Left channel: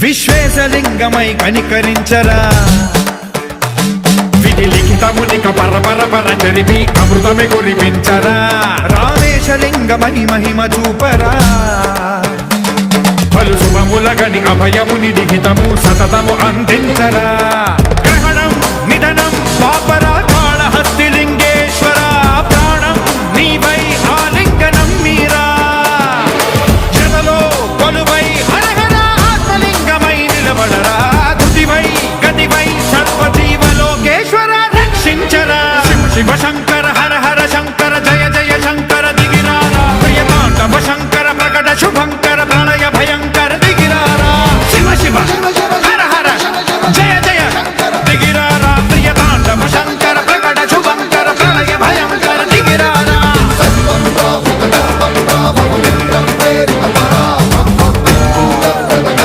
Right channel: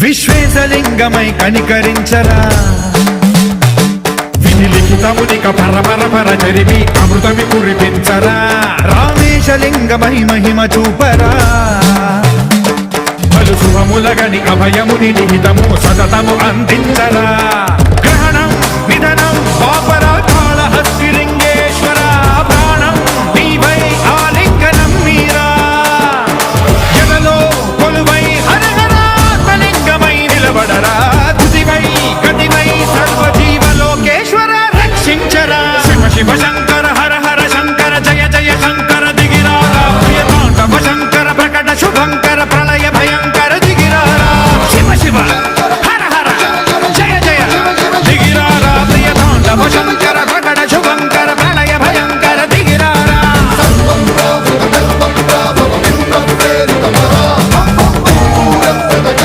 విశ్వేశలింగమై కనికరించరా విధి లిఖితమునిక పరపర చరివి అమృతమి కురిపించరా రామేశలింగమై మహిమ చూపరా పలు శుభములగని అభయముని లిఖితము సతతము అందించరా